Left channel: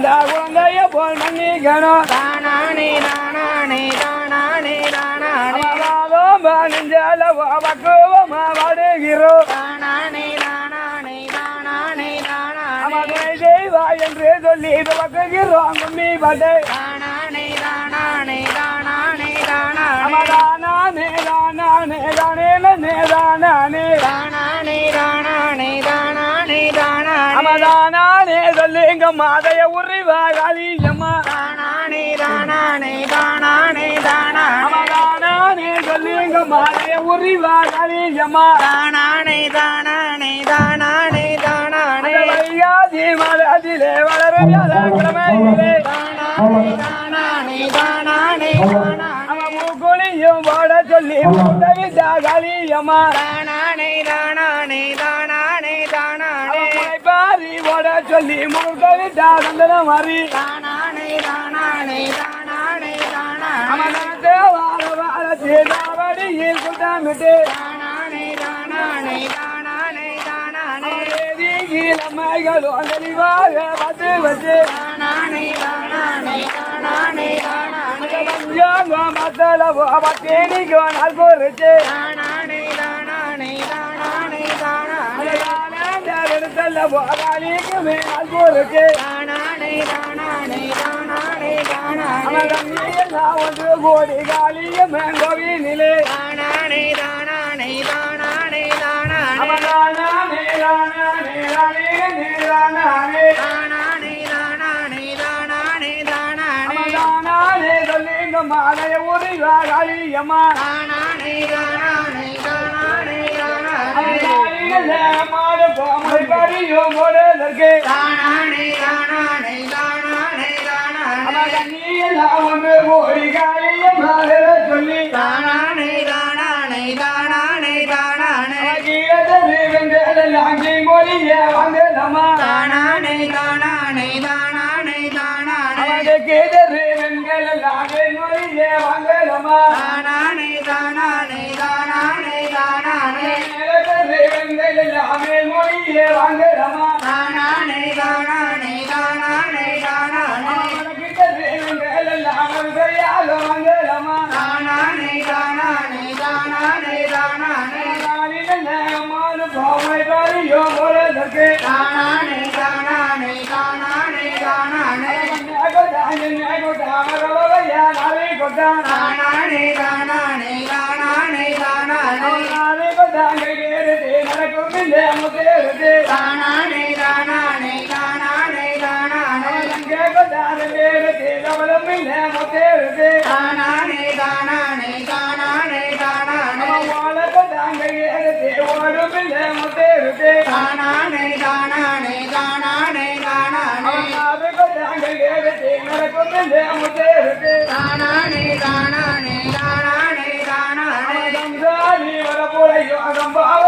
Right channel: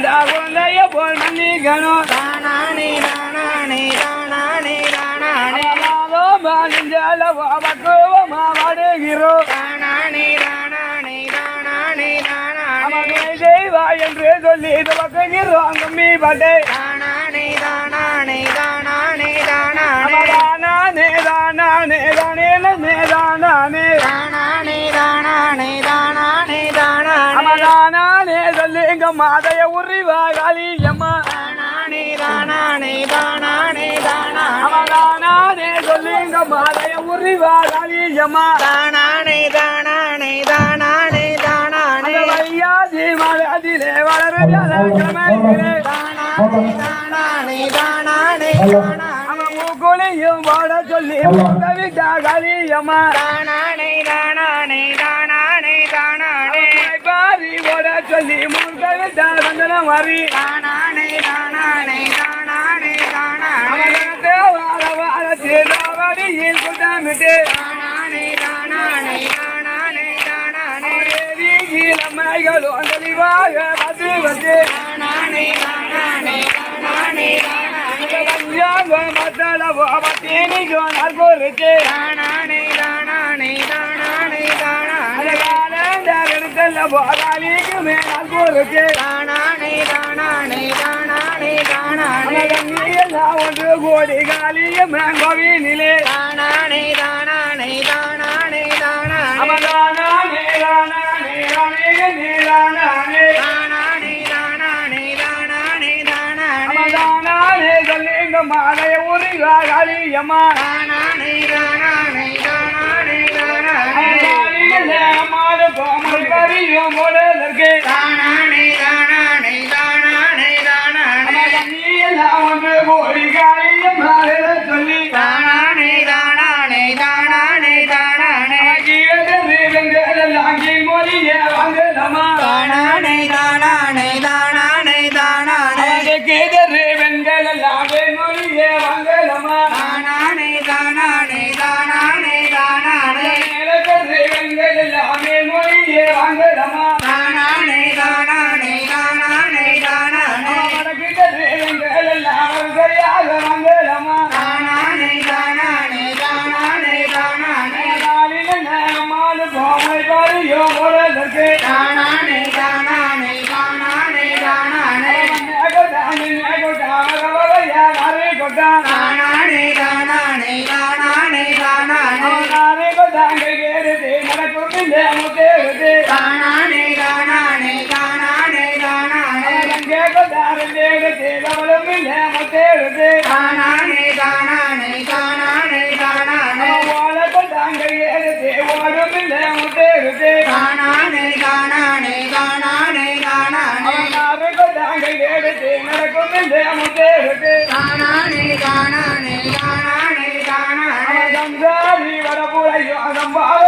குழந்தைய போல் மன்னிக்கணும் தானானே தானானே தானானே தானானே அவாதோ பாலிஞ்சால பக்குவமா வாடுகிறோம் தானானே தானானே தானானே தானானே அமதுணை செய்வா என்று சொல்லி துவக்குகிறோம் கும்மி பாட்டை தானானே தானானே தானானே தானானே அமதானே தானே தானே தானே தானானே பாதைய உரிவா காலி எம்மா ராணானே ராணானே ராணானே ராணா ராணானே சொல்லுங்க பாதைய உரிவா காலி எம்மா ராணானே ராணானே ராணானே ராணானே வையாதி மலதிலே வளரு கிழமையிலே ராணானே ராணானே ராணா மூக்குளியும் வாட சொல்லி மூட்டவிட்டா காலி எம்மா ராணானே ராணானே சொல்லி முருகவிட்டாருந்தன மாறி. அமரத்து வாழ வாழ சேதாவடியில் குட்டாமிட்டு இளமைகளோ தெளிவாக வந்து வந்து மத்தளவோ பத்தேனிக்கோ நல்கோருக்கு எடுத்தல்ல போகாலிக்கு மேல் பொறுத்து தானானே தானானே தானானே தானானே அவன் ஒன்று கோடி காலிய மேங்கோவினிலே தானானே தானானே தானானே தானானே அவனானே ரானே ரானே நீரானே தானானே தானானே தானானே தானானே அவனானே சொல்லிங்க மாலைய உரிவா காளியம்மா தானானே தானானே தானானே தானானே பறியும் போடுவதற்கு தானானே தானானே தானானே தானானே. நீ எல்லாம் ஒன்று கோடி காளியம்மா சொல்லி ఆనందం బాగా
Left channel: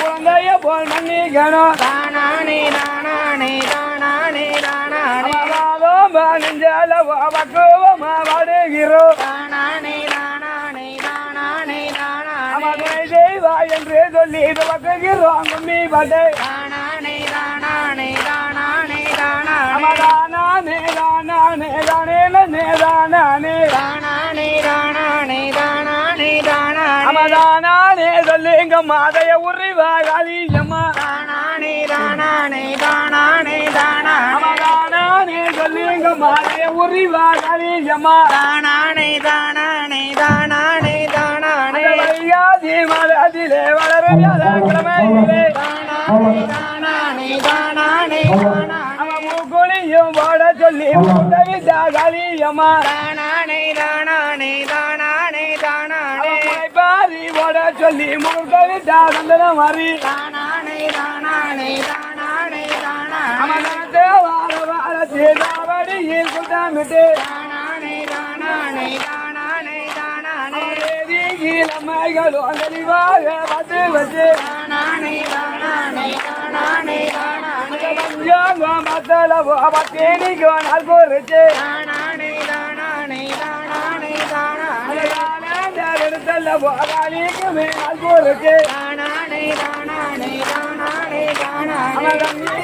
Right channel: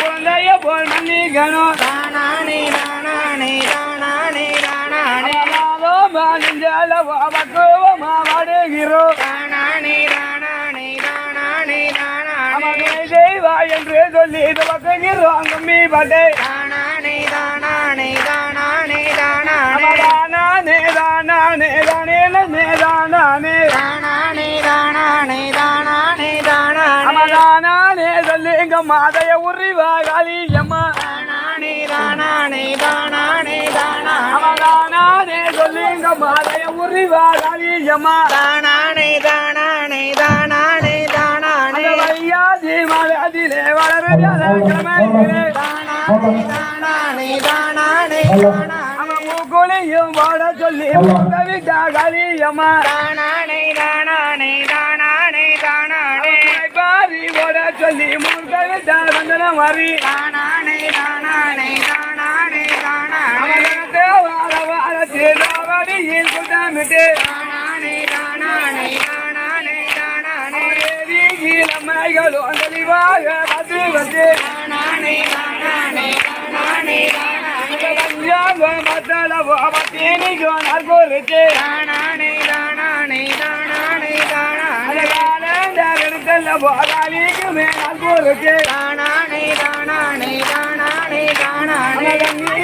குழந்தைய போல் மன்னிக்கணும் தானானே தானானே தானானே அம்மா நெஞ்சால பக்குவமா வாடுகிறோம் தானானே தானானே தானானே தானானே துணை செய்வா என்று சொல்லி துவக்குகிறோம் கும்மி பாட்டை தானானே தானானே தானானே தானானே தானானே தானானே தானே தானானே தானானே தானானே. நானே சொல்லுங்க மாதைய உரிவா காலியம்மா நானே தானே தானே தானா. நானே சொல்லுங்க மாதைய உரிவா காலியம்மா தானே தானே தானே தானே வையாதி மலதிலே வளர கிழமையிலே தானே தானே தானா மூக்குளியும் வாட சொல்லி மூத்த விட்டா காலியம்மா தானே தானே சொல்லி முருகவே தாருந்தன மாறி. ராணானே ராணானே ராணானே ராணானே வார வார சேதாவடியில் குட்டாமிட்டு ராணானே ராணானே ராணானே ராணானே தேவி இளமைகளோ தெளிவாக வந்து வந்து. ராணானே ராணானே ராணானே ராணானே பஞ்சாங்கோ மத்தளவோ பத்தேனிகோ நல்கோருக்கு ராணானே ராணானே ராணானே நல்ல போதாலிக்கு மேல் இருக்கு ராணானே ராணானே ராணானே ராணானே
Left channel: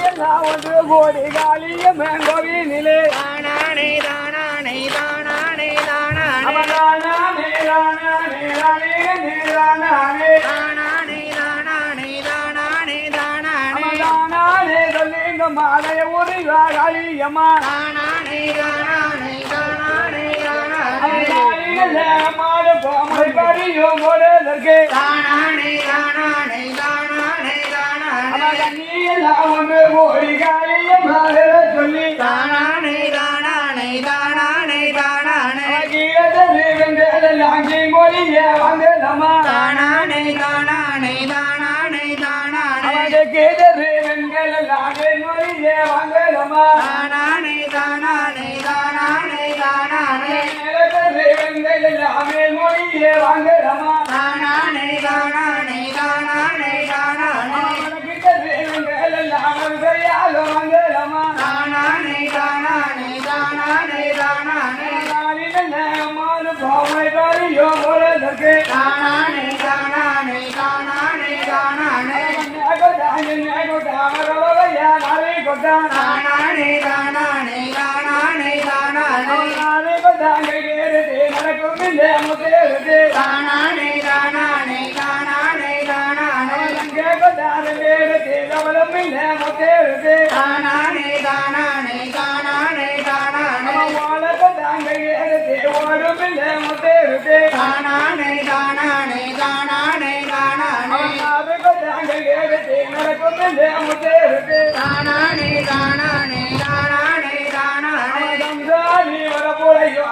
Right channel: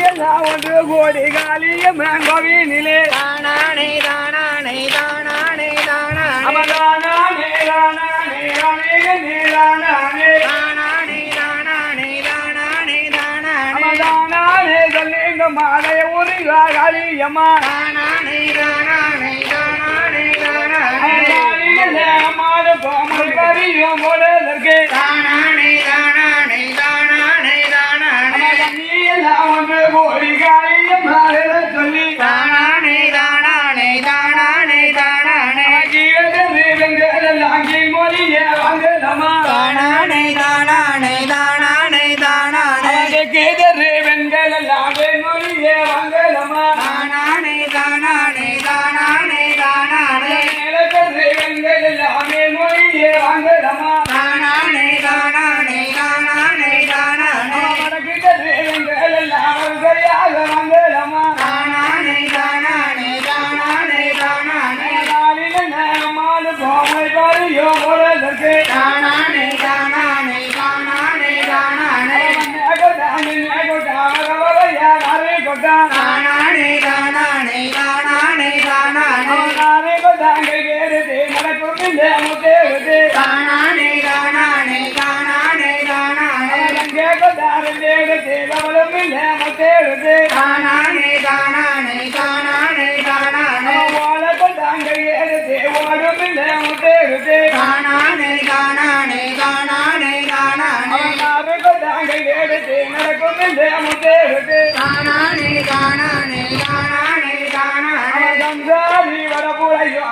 எல்லாம் ஒன்று கோடி காலிய மேங்கோவினிலே ராணானே ராணானே ராணானே ராணானே ராணானே ராணானே ராணே ராணானே ராணானே ராணானே ராணானே ராணானே மாலை ஒரு காலியம்மா கோமை பறியும் போடுவதற்கு தானானே தானானே தானானே தானானே. எல்லாம் ஒன்று கோடி காளியம்மா சொல்லி. தானானே தானானே தானானே தானானே. வெங்கடெல்லாம் மொழிய வாங்கலாமா தானானே தானானே தானானே தானானே. அவனுக்கு Olha,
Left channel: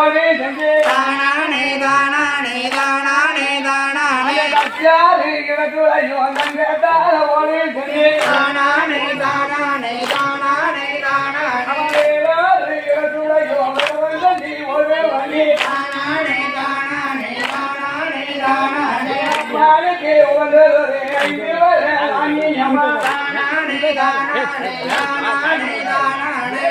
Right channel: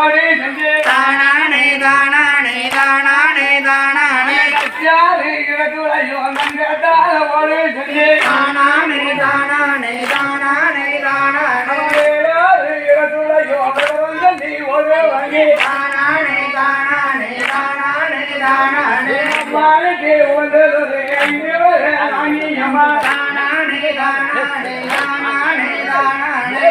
தானானே தானானே தானானே தானானே லட்சியாரே கிடக்குறையோ அங்கங்க தாழ ஓடு செஞ்சு. தானானே தானானே தானானே தானானே. கிடக்குறையோ நீ ஒரு வங்கி. தானானே தானானே தானானே தானானே. யாருக்கு ஒரு அங்கேயமா தானானே தானானே தானானே தானானே.